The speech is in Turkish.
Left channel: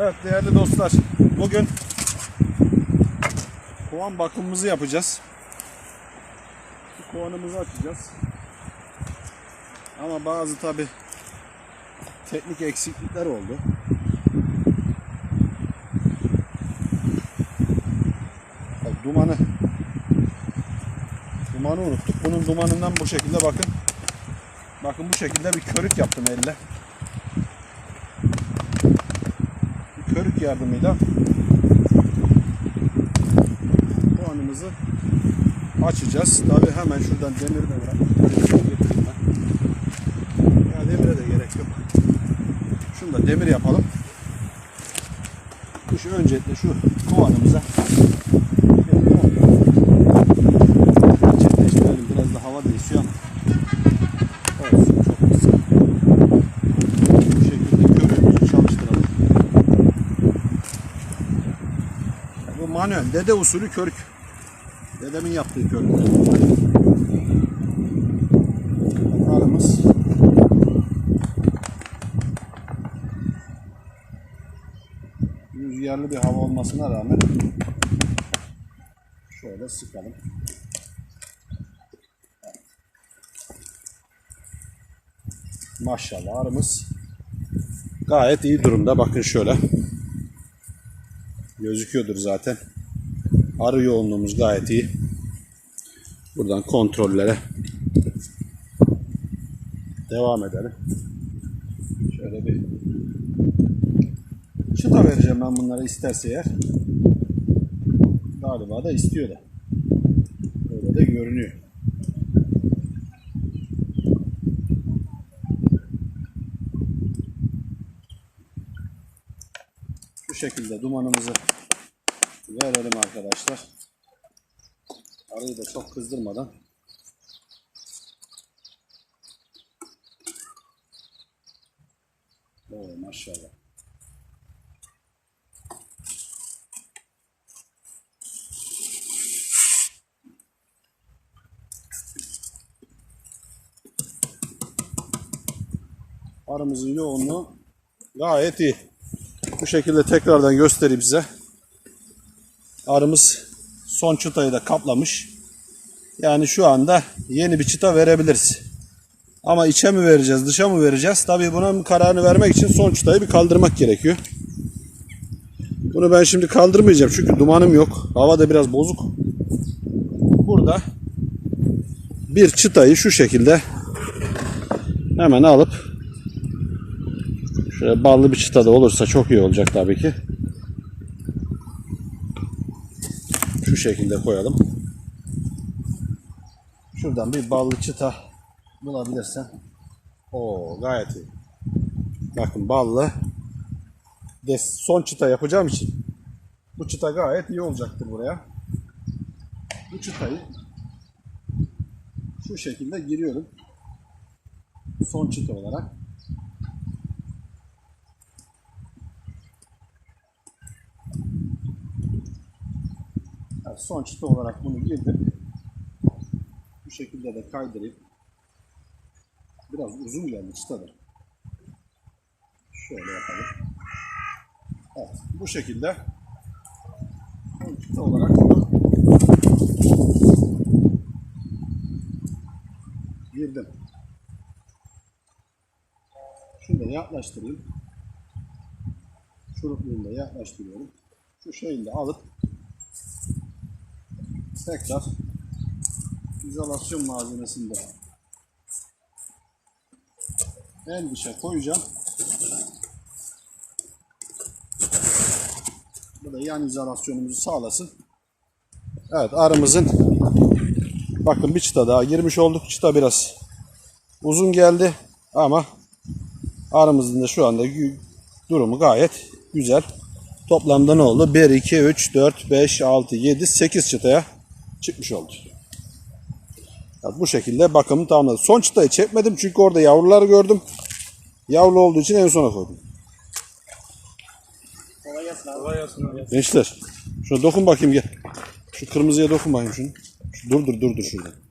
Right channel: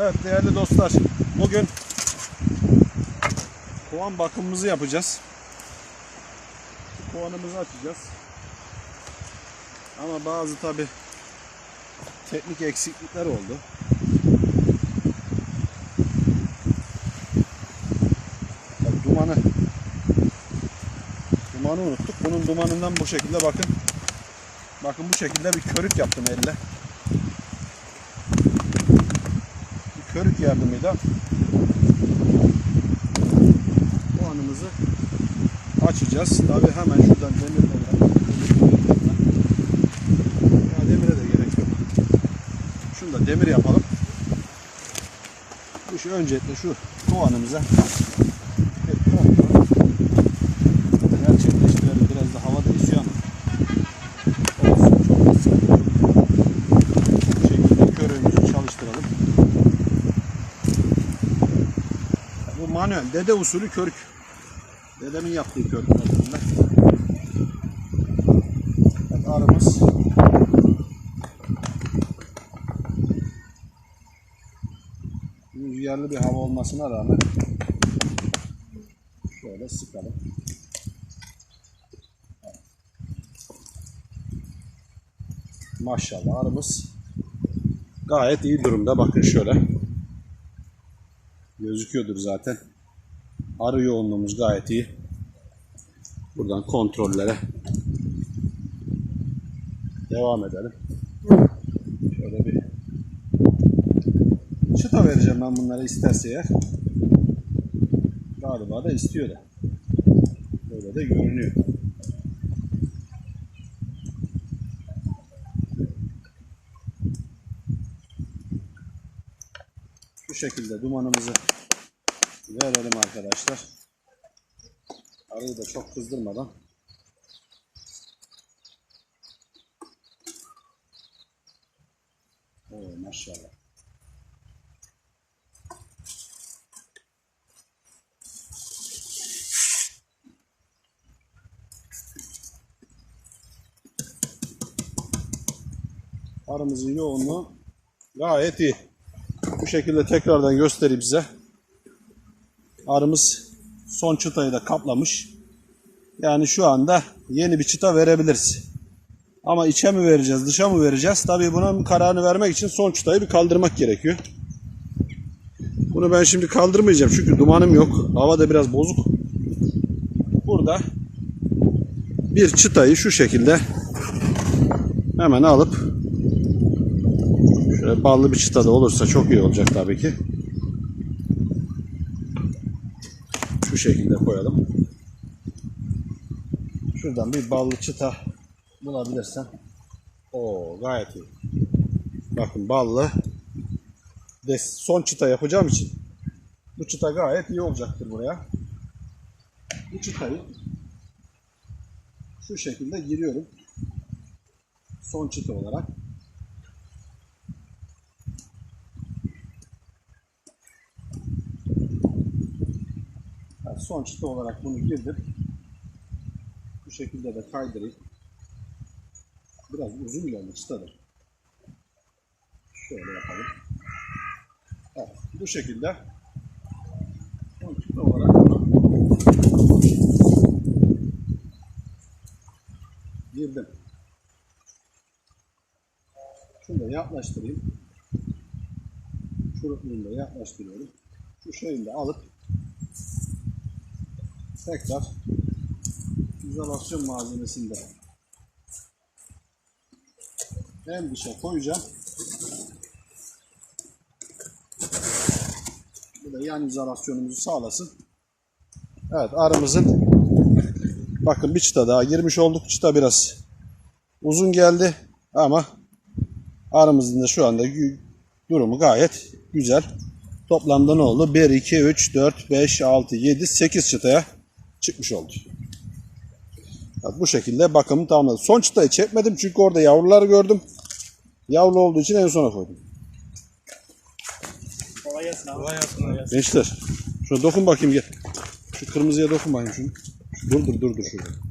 Evet değerli dostlar. Bugün kovan bakımımızı yapacağız. Kovanımızı açacağız. Ama bazı tabi teknik eksiklikler oldu. Tabii dumanı dumanı unuttuk. Bunun dumanından bu şekilde bakın. Bakın bu şekilde bir körük yaptım elle. Bir körük yardımıyla bu anımızı açacağız. Tabii hemen şuradan demir de var. Ya demire de gerek yok. Şunu da demir yapalım. Şu öncelikle şu kovanımıza bir yol gerçekleştirelim. Biraz da hava da esiyor ama olsun çok da sıkıntı yok. Bu şekilde körüğümüzü çalıştıralım. Bu manuel, dede usulü körük. Dedemin yaptığı bunlar. Evet, arımız rüzgarlı bir hava olmasına rağmen şöyle sıkalım. Maşallah arımız gayet iyi durumda. Bakın şöyle. Gözüküyordur zaten. Arı yoğunluğumuz gayet iyi. Buradan kontrollere devam edelim. Şöyle bir çıta vereceğim ben bunlara isterse eğer. Galiba da istiyor da. Böyle de görünüyor. Şekilde dumanımızı verelim arkadaşlar. Arıyı da çok kızdırmadan. Oo maşallah. Arımızın yoğunluğu gayet iyi. Bu şekilde tekrardan göstereyim size. Arımız son çıtayı da kaplamış. Yani şu anda yeni bir çıta verebiliriz. Ama içe mi vereceğiz, dışa mı vereceğiz? Tabii bunun kararını vermek için son çıtayı bir kaldırmak gerekiyor. Bunu ben şimdi kaldırmayacağım çünkü dumanım yok. Hava da biraz bozuk. Burada bir çıtayı şu şekilde hemen alıp ballı bir çıta da olursa çok iyi olacak tabii ki. Şu şekilde koyalım. Şuradan bir ballı çıta bulabilirsen. O gayet iyi. Bakın ballı. De son çıta yapacağım için bu çıta gayet iyi olacaktır buraya. Bu çıtayı şu şekilde giriyorum. Son çıta olarak. Son çıta olarak bunu girdim. Bu şekilde de kaydırayım. Biraz uzun geldi çıta da. Şöyle yapalım. Evet, bu şekilde son çıta olarak girdim. Şunu da yaklaştırayım. Şurupluğunu da yaklaştırıyorum. Şu şeyini de alıp tekrar izolasyon malzemesini de en dışa koyacağım. Bu da yan izolasyonumuzu sağlasın. Evet arımızın bakın bir çıta daha girmiş olduk. Çıta biraz uzun geldi ama arımızın da şu anda durumu gayet güzel. Toplamda ne oldu? 1, 2, 3, 4, 5, 6, 7, 8 çıtaya çıkmış oldu. Evet, bu şekilde bakımı tamamladım. Son çıtayı çekmedim çünkü orada yavrular gördüm. Yavru olduğu için en sona koydum. Kolay gelsin abi. Gençler şuna dokun bakayım gel. Şu kırmızıya dokun bakayım şunu. Şu, dur dur dur dur şurada.